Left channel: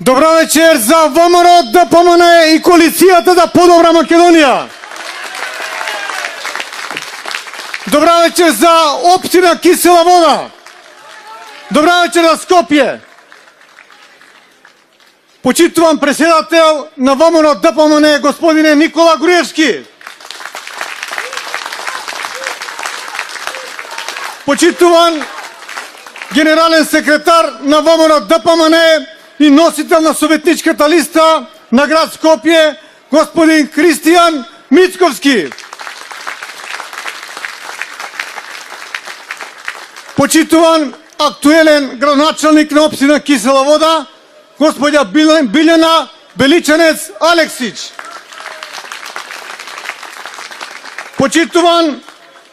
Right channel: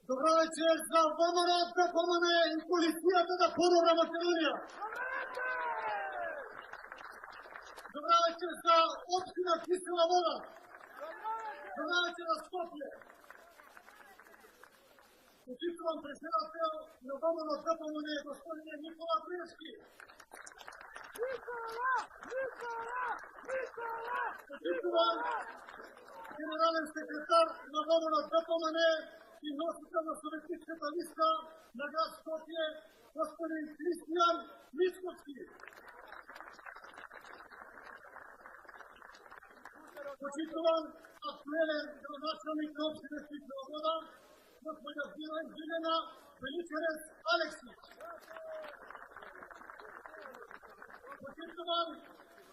Добра вечер за ВМРО, ДПМН и коалицията за по-добра Македония. Добра вечер за општина Кисела Вода. Добра вечер за Скопје. Почитуван председател на ВМРО ДПМН господине Никола Груевски. Почитуван генерален секретар на ВМРО ДПМН и носител на советничката листа на град Скопје, господин Христијан Мицковски. Почитуван актуелен градоначалник на општина Кисела Вода, господја Билјана Беличанец Алексич. Почитуван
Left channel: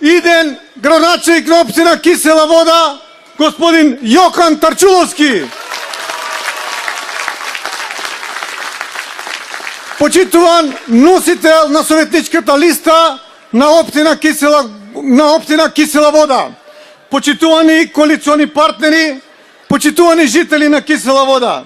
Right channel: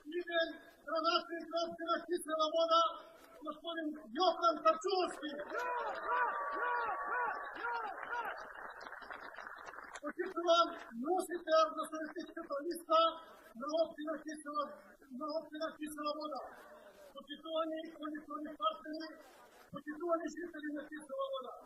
иден градоначалник на општина Кисела Вода, господин Јохан Тарчуловски. Почитуван носител на советничката листа на општина Кисела Вода. Почитувани коалициони партнери, почитувани жители на Кисела Вода,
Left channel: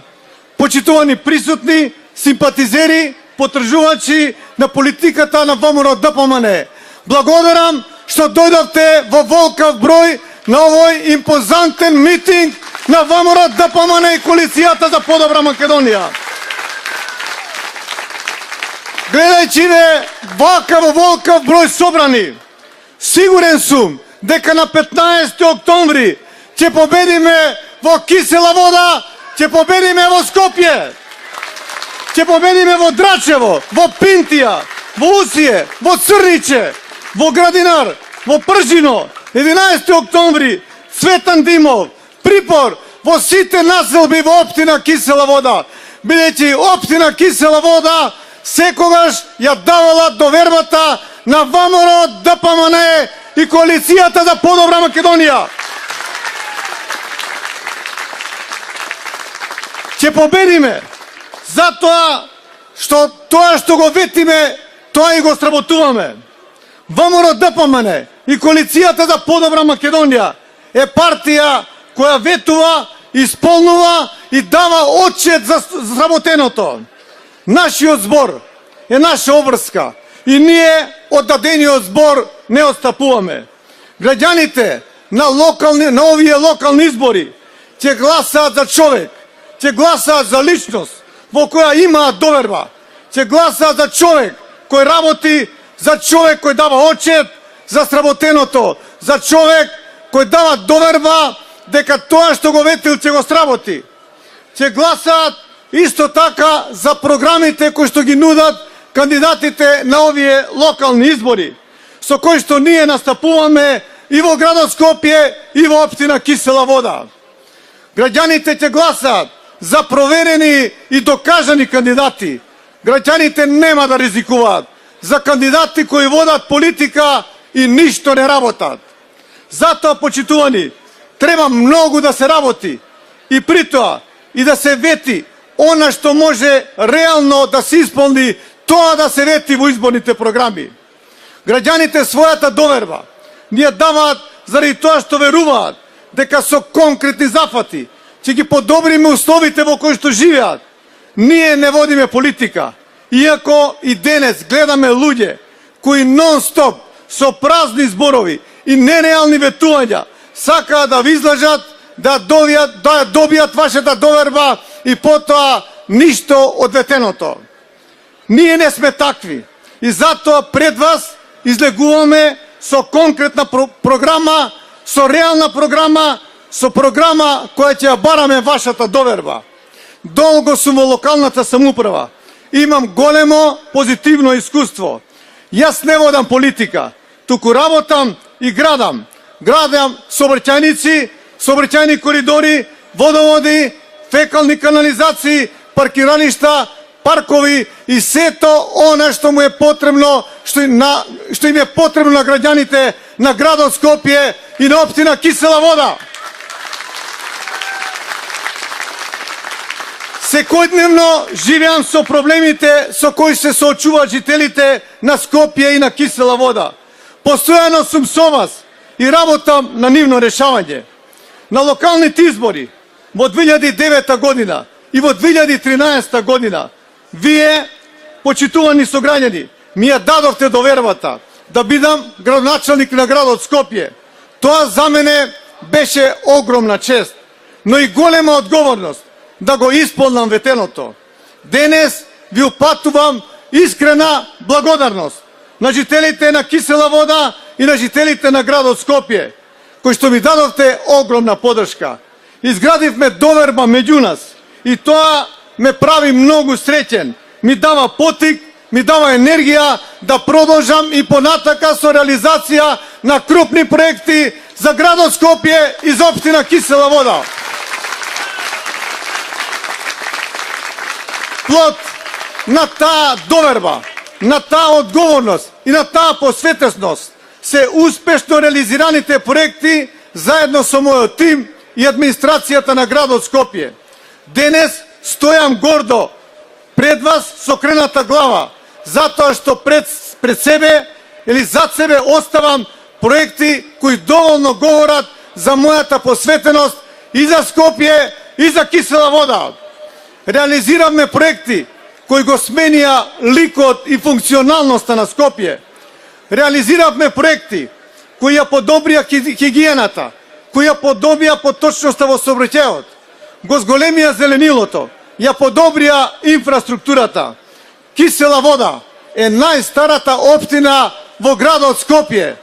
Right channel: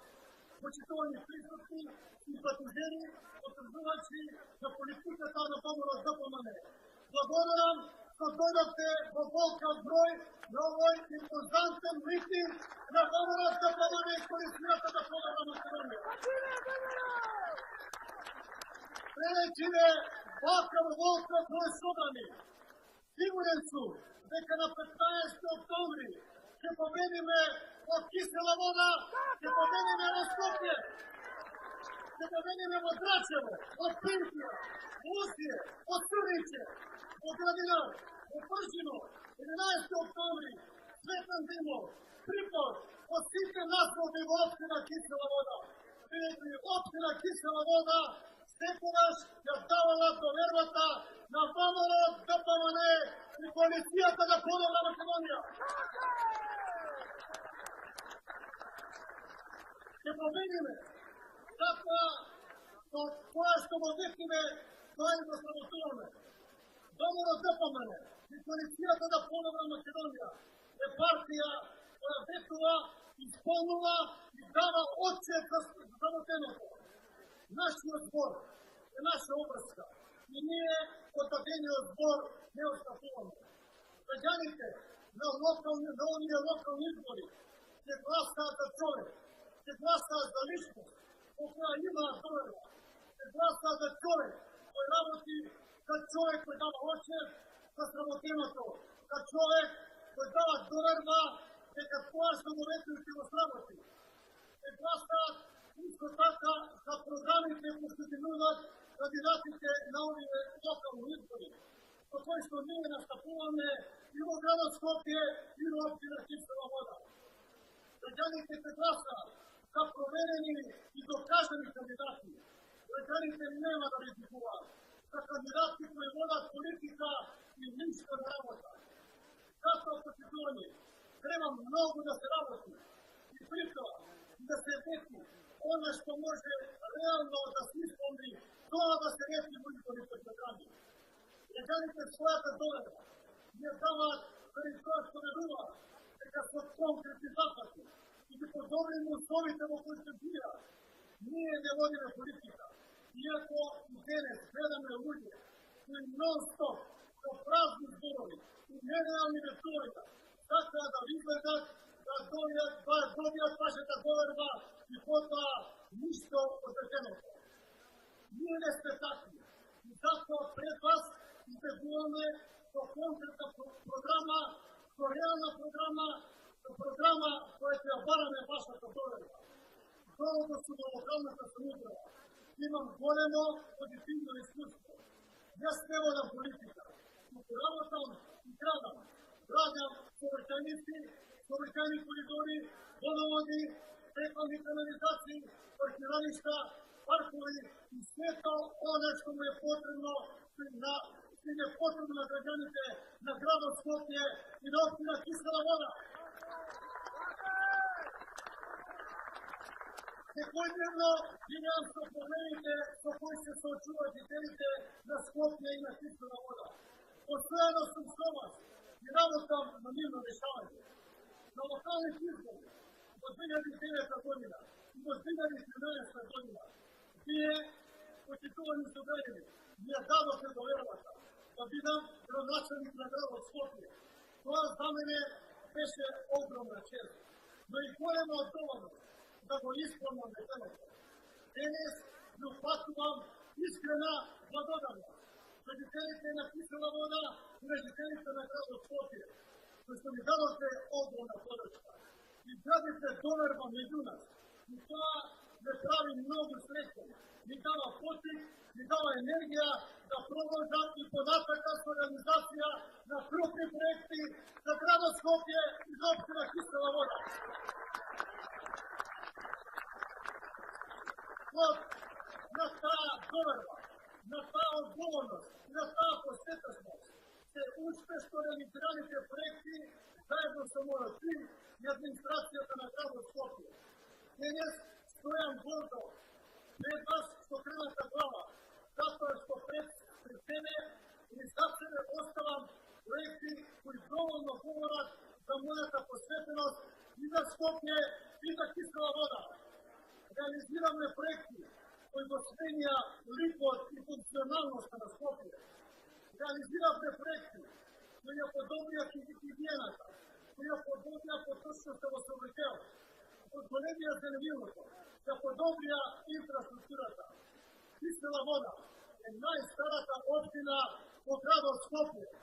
почитувани присутни, симпатизери, потржувачи на политиката на ВМРО ДПМН. Благодарам што дојдовте во волкав број на овој импозантен митинг на ВМРО ДПМН и коалицијата за по-добра Македонија. Гледајќи ве вака во волкав број собрани, сигурен сум дека на 15 октомври ќе победиме во Кисела Вода, ќе победиме во Скопје, ќе победиме во Драчево, во Пинтија, во Усие, во Црниче, во Градинар, во Пржино, 11 октомври, Цветан Димов, Припор, во сите населби во општина Кисела Вода, бидејќи општина Кисела Вода секогаш ја давала довербата на ВМРО ДПМН и коалицијата за по-добра Македонија. Ќе победиме затоа што тоа што го ветиме, тоа и го сработуваме. ВМРО ДПМН и коалицијата за по-добра Македонија е партија која ветува, исполнува и дава отчет за сработеното. Нашиот збор е наша обврска и ние од дадениот збор не отстапуваме. Граѓаните на овие локални избори ќе гласаат за човек, ќе гласаат за личност во која имаат доверба, ќе гласаат за човек кој работи, за човек кој дава отчет за сработеното, за човек кој дава доверба дека тоа што го ветил ќе го сработи. Ќе гласаат исто така за програмите кои што ги нудат кандидатите на овие локални избори, со кои што ние настапуваме и во градот Скопје и во општина Кисела Вода. Граѓаните ќе гласаат за проверени и докажани кандидати. Граѓаните нема да ризикуваат за кандидати кои водат политика и ништо не работат. Затоа, почитувани, треба многу да се работи и притоа и да се вети она што може реално да се исполни, тоа да се вети во изборните програми. Граѓаните својата доверба ни ја даваат заради тоа што веруваат дека со конкретни зафати ќе ги подобриме условите во кои што живеат. Ние не водиме политика, иако и денес гледаме луѓе кои нон-стоп со празни зборови и нереални ветувања сакаат да ви излажат, да добијат вашата доверба и потоа ништо од ветеното. Ние не сме такви и затоа пред вас излегуваме со конкретна програма, со реална програма, со програма која ќе ја бараме вашата доверба. Долго сум во локалната самоуправа. Имам големо позитивно искуство. Јас не водам политика, туку работам и градам. Градам сообраќајници, сообраќајни коридори, водоводи, фекални канализации, паркиралишта, паркови и сето она што му е потребно, што им е потребно на граѓаните на градот Скопје и на општина Кисела Вода. Секојдневно живеам со проблемите со кои се соочуваат жителите на Скопје и на Кисела Вода. Постојано сум со вас и работам на нивно решавање. На локалните избори во 2009 година и во 2013 година вие, почитувани сограѓани, ми ја дадовте довербата да бидам градоначалник на градот Скопје. Тоа за мене беше огромна чест, но и голема одговорност да го исполнам ветеното. Денес ви упатувам искрена благодарност на жителите на Кисела Вода и на жителите на градот Скопје, кои што ми дадовте огромна подршка. Изградивме доверба меѓу нас и тоа ме прави многу среќен. Ми дава потик, ми дава енергија да продолжам и понатака со реализација на крупни проекти за градот Скопје и за општина Кисела Вода. Плод на таа доверба, на таа одговорност и на таа посветеност се успешно реализираните проекти заедно со мојот тим и администрацијата на градот Скопје. Денес стојам гордо пред вас со крената глава, затоа што пред себе или зад себе оставам проекти кои доволно говорат за мојата посветеност и за Скопје и за Кисела Вода. Реализиравме проекти кои го сменија ликот и функционалноста на Скопје. Реализиравме проекти кои ја подобрија хигиената, кои ја подобрија поточноста во сообраќајот, го зголемија зеленилото, ја подобрија инфраструктурата. Кисела Вода е најстарата општина во градот Скопје.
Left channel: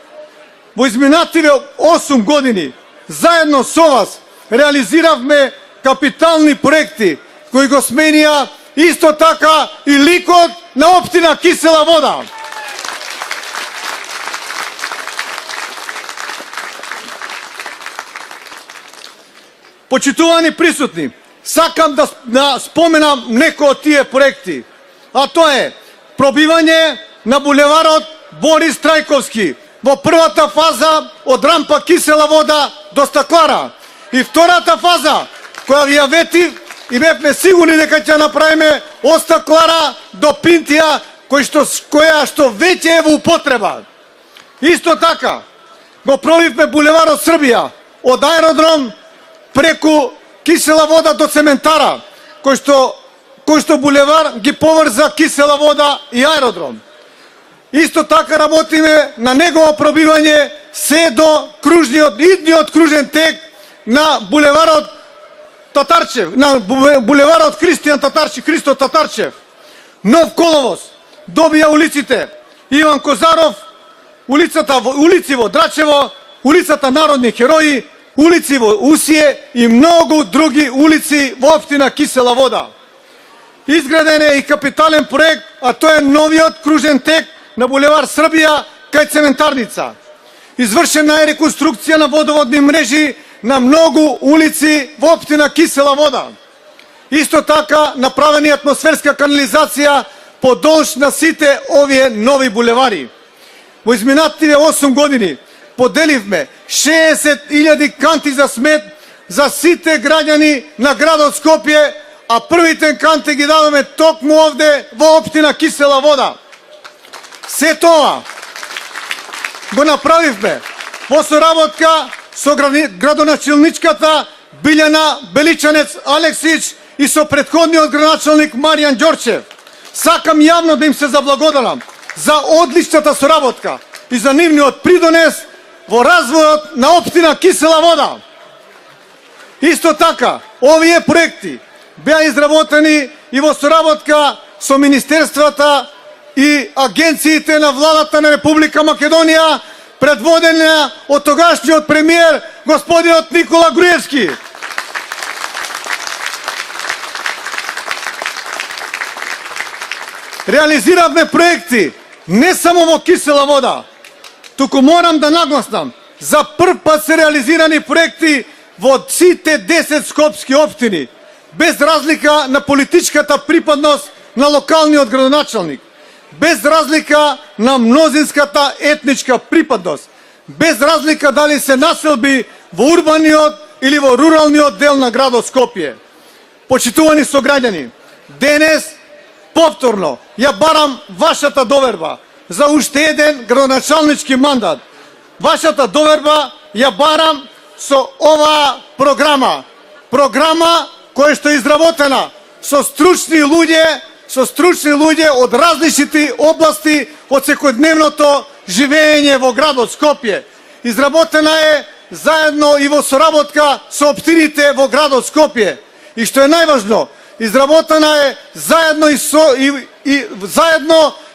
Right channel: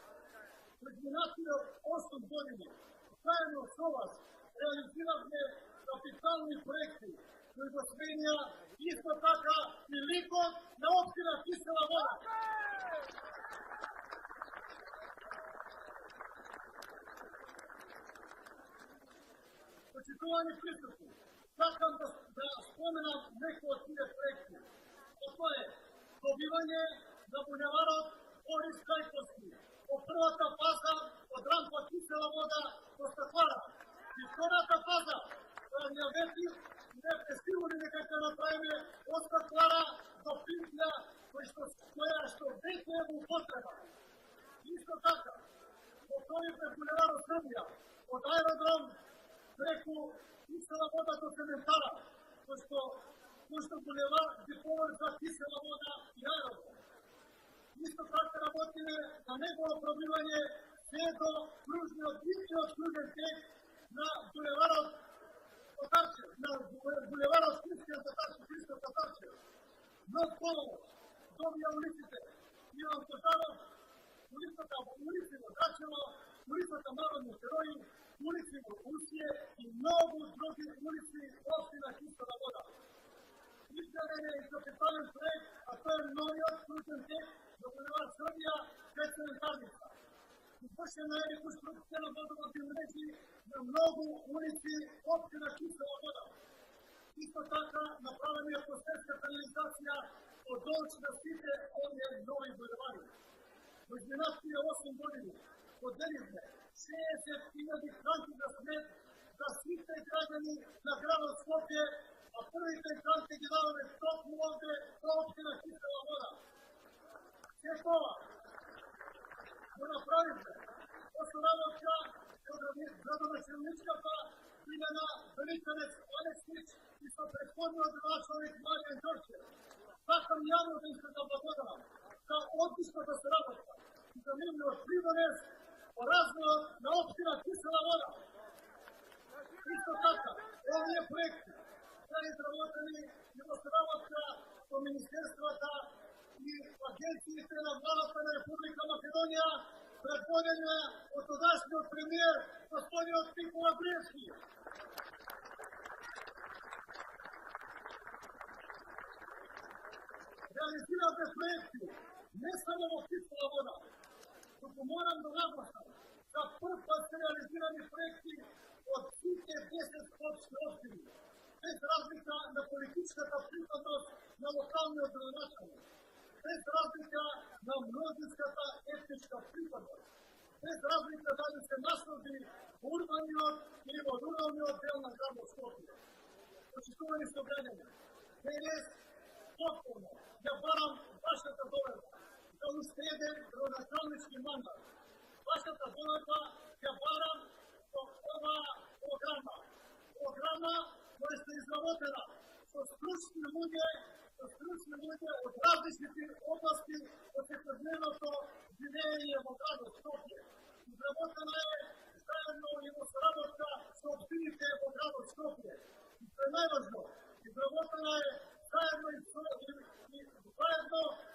Во изминативе 8 години, заедно со вас, реализиравме капитални проекти кои го сменија исто така и ликот на општина Кисела Вода. Почитувани присутни, сакам да споменам некои од тие проекти, а тоа е пробивање на булеварот Борис Трајковски во првата фаза од рампа Кисела Вода до Стаклара и втората фаза која ви ја ветив и бевме сигурни дека ќе направиме од Стаклара до Пинтија, која што веќе е во употреба. Исто така го пробивме булеварот Србија од аеродром преку Кисела Вода до Цементара, кој што булевар ги поврза Кисела Вода и аеродром. Исто така работиме на негово пробивање се до идниот кружен тек на булеварот Татарчев, на булеварот Христо Татарчев. Нов коловоз добија улиците Иван Козаров, улици во Драчево, улицата Народни херои, улици во Усие и многу други улици во општина Кисела Вода. Изграден е и капитален проект, а тоа е новиот кружен тек на булевар Србија кај Цементарница. Извршена е реконструкција на водоводни мрежи на многу улици во општина Кисела Вода. Исто така направена е атмосферска канализација подолж на сите овие нови булевари. Во изминативе 8 години поделивме 60.000 канти за смет за сите граѓани на градот Скопје, а првите канти ги дадоме токму овде во општина Кисела Вода. Се тоа го направивме во соработка со градоначалничката Билјана Беличанец Алексич и со претходниот градоначалник Маријан Ѓорчев. Сакам јавно да им се заблагодарам за одличната соработка и за нивниот придонес во развојот на општина Кисела Вода. Исто така, овие проекти беа изработени и во соработка со министерствата и агенциите на владата на Република Македонија, предводена од тогашниот премиер господинот Никола Груевски. Реализиравме проекти не само во Кисела Вода, туку морам да нагласнам, за прв пат се реализирани проекти во сите 10 скопски општини, без разлика на политичката припадност на локалниот градоначалник, без разлика на мнозинската етничка припадност, без разлика дали се населби во урбаниот или во руралниот дел на градот Скопје. Почитувани сограѓани, денес повторно ја барам вашата доверба за уште еден градоначалнички мандат. Вашата доверба ја барам со оваа програма. Програма која што е изработена со стручни луѓе од различните области од секојдневното живење во градот Скопје. Изработена е заедно и во соработка со општините во градот Скопје. И што е најважно, изработена е заедно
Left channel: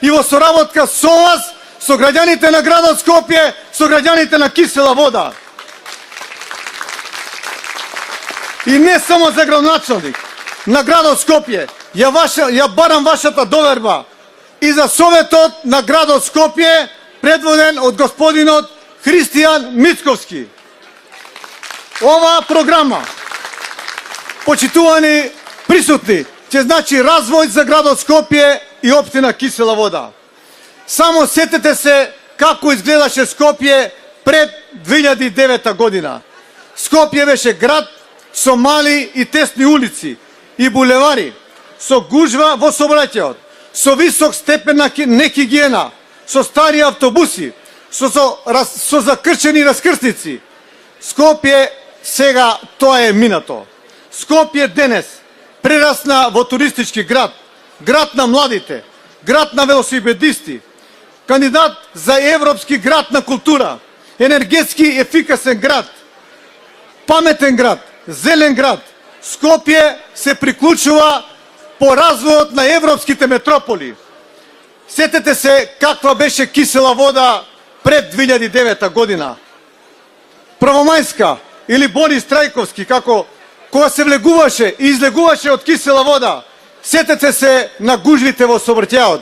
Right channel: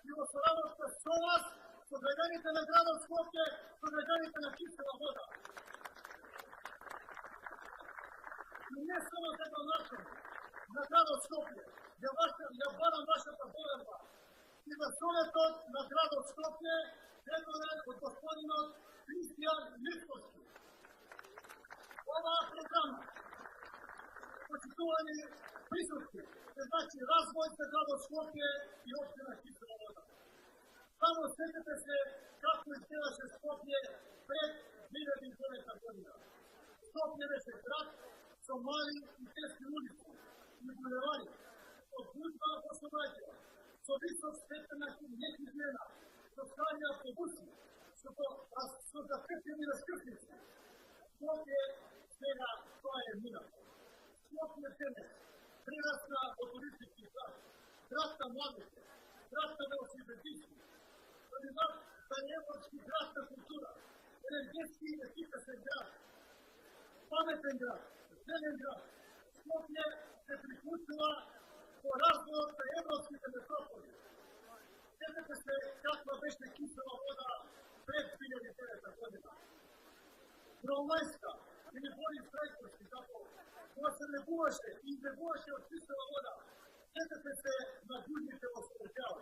и во соработка со вас, со граѓаните на градот Скопје, со граѓаните на Кисела Вода. И не само за градоначалник на градот Скопје, ја барам вашата доверба и за Советот на градот Скопје, предводен од господинот Христијан Мицковски. Ова програма, почитувани присутни, ќе значи развој за градот Скопје и општина Кисела Вода. Само сетете се како изгледаше Скопје пред 2009 година. Скопје беше град со мали и тесни улици и булевари, со гужва во сообраќајот, со висок степен на нехигиена, со стари автобуси, со закрчени раскрсници. Скопје сега тоа е минато. Скопје денес прерасна во туристички град, град на младите, град на велосипедисти, кандидат за европски град на култура, енергетски ефикасен град, паметен град, зелен град. Скопје се приклучува по развојот на европските метрополи. Сетете се каква беше Кисела Вода пред 2009 година. Правомајска или Борис Трајковски, кога се влегуваше и излегуваше од Кисела Вода, сетете се на гужвите во сообраќајот.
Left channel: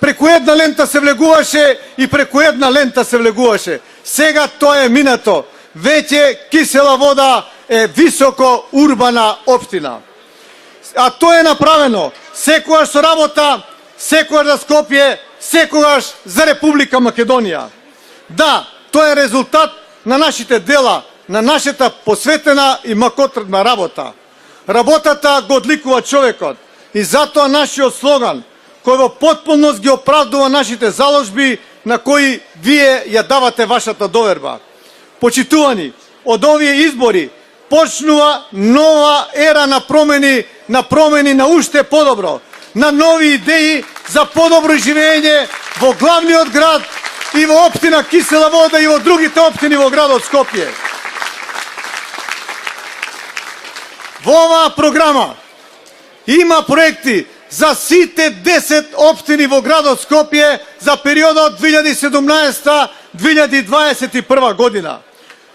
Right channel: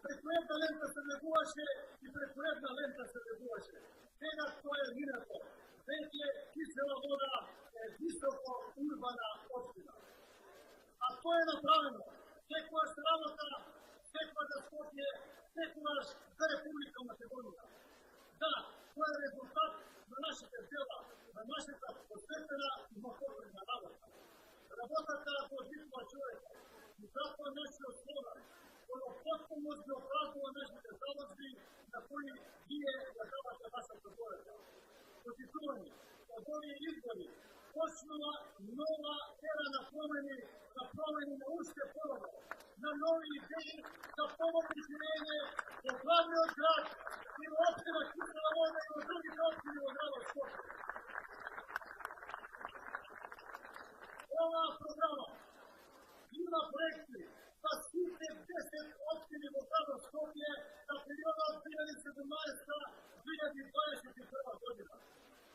Преку една лента се влегуваше и преку една лента се влегуваше. Сега тоа е минато. Веќе Кисела Вода е високо урбана општина. А тоа е направено секогаш со работа, секогаш за Скопје, секогаш за Република Македонија. Да, тоа е резултат на нашите дела, на нашата посветена и макотрдна работа. Работата го одликува човекот и затоа нашиот слоган, кој во потполност ги оправдува нашите заложби на кои вие ја давате вашата доверба. Почитувани, од овие избори почнува нова ера на промени на уште подобро, на нови идеи за подобро живење во главниот град и во општина Кисела Вода и во другите општини во градот Скопје. Во оваа програма има проекти за сите 10 општини во градот Скопје за периодот 2017-2021 година.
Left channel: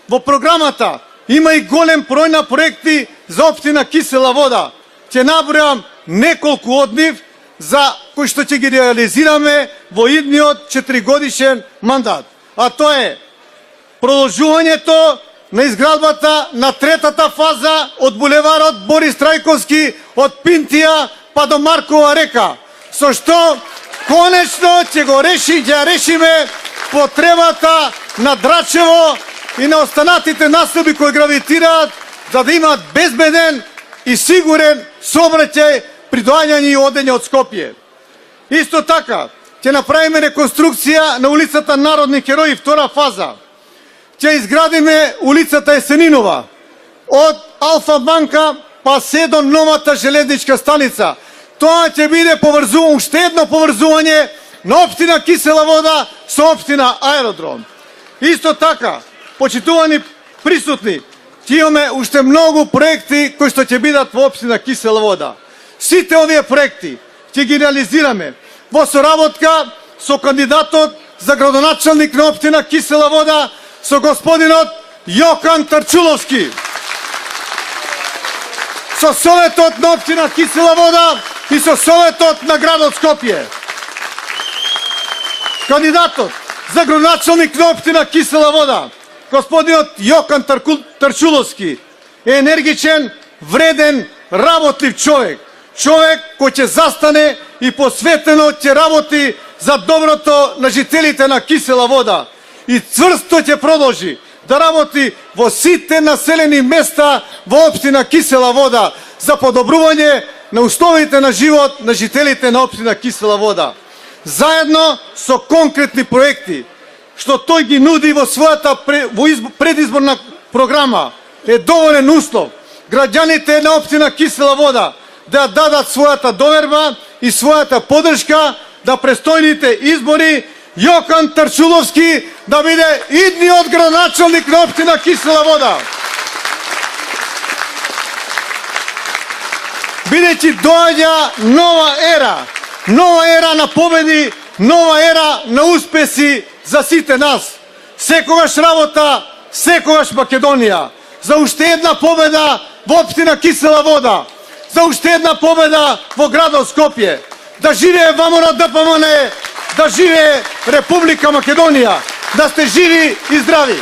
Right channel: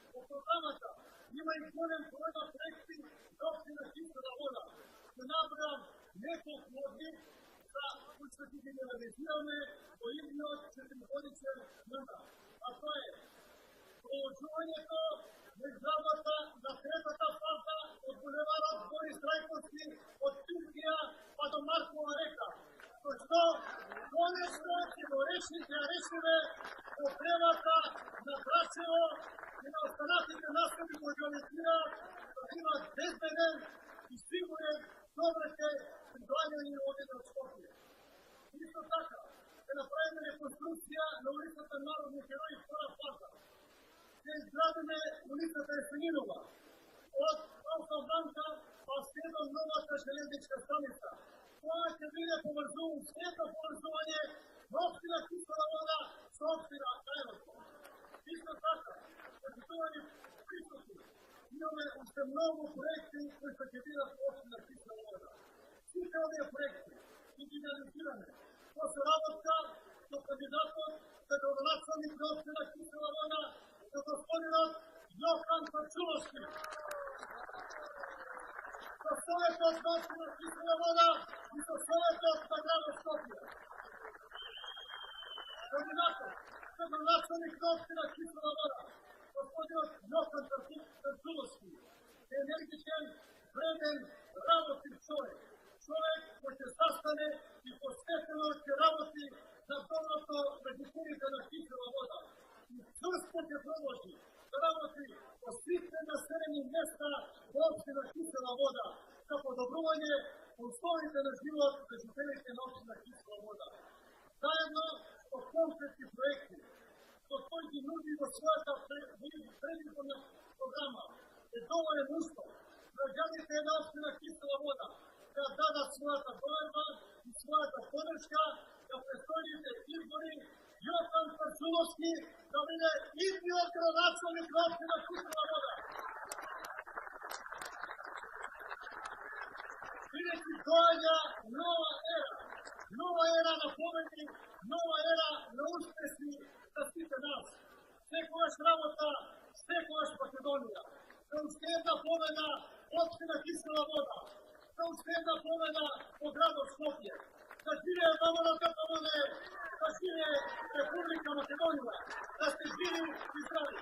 Во програмата има и голем број на проекти за општина Кисела Вода. Ќе набројам неколку од нив за кои што ќе ги реализираме во идниот 4-годишен мандат. А тоа е продолжувањето на изградбата на третата фаза од булеварот Борис Трајковски од Пинтија па до Маркова река, со што конечно ќе решиме потребата на Драчево и на останатите населби кои гравитираат за да имаат безбеден и сигурен сообраќај при доаѓање и одење од Скопје. Исто така, ќе направиме реконструкција на улицата Народни херои втора фаза. Ќе изградиме улицата Есенинова од Алфа банка па се до новата железничка станица. Тоа ќе биде уште едно поврзување на општина Кисела Вода со општина Аеродром. Исто така, почитувани присутни, ќе имаме уште многу проекти кои што ќе бидат во општина Кисела Вода. Сите овие проекти ќе ги реализираме во соработка со кандидатот за градоначалник на општина Кисела Вода, со господинот Јокан Тарчуловски, со Советот на општина Кисела Вода и со Советот на градот Скопје. Кандидатот за градоначалник на општина Кисела Вода, господинот Јокан Тарчуловски, е енергичен, вреден, работлив човек. Човек кој ќе застане и посветено ќе работи за доброто на жителите на Кисела Вода и цврсто ќе продолжи да работи во сите населени места во општина Кисела Вода за подобрување на условите на живот на жителите на општина Кисела Вода. Заедно со конкретни проекти, што тој ги нуди во својата предизборна програма, е доволен услов граѓаните на општина Кисела Вода да дадат својата доверба и својата поддршка да престојните избори Јокан Тарчуловски да биде идниот градоначалник на општина Кисела Вода. Бидејќи доаѓа нова ера на победи, нова ера на успеси за сите нас. Секогаш работа, секогаш Македонија. За уште една победа во општина Кисела Вода. За уште една победа во градот Скопје. Да живее ВМРО ДПМН, да живее Република Македонија. Да сте живи и здрави.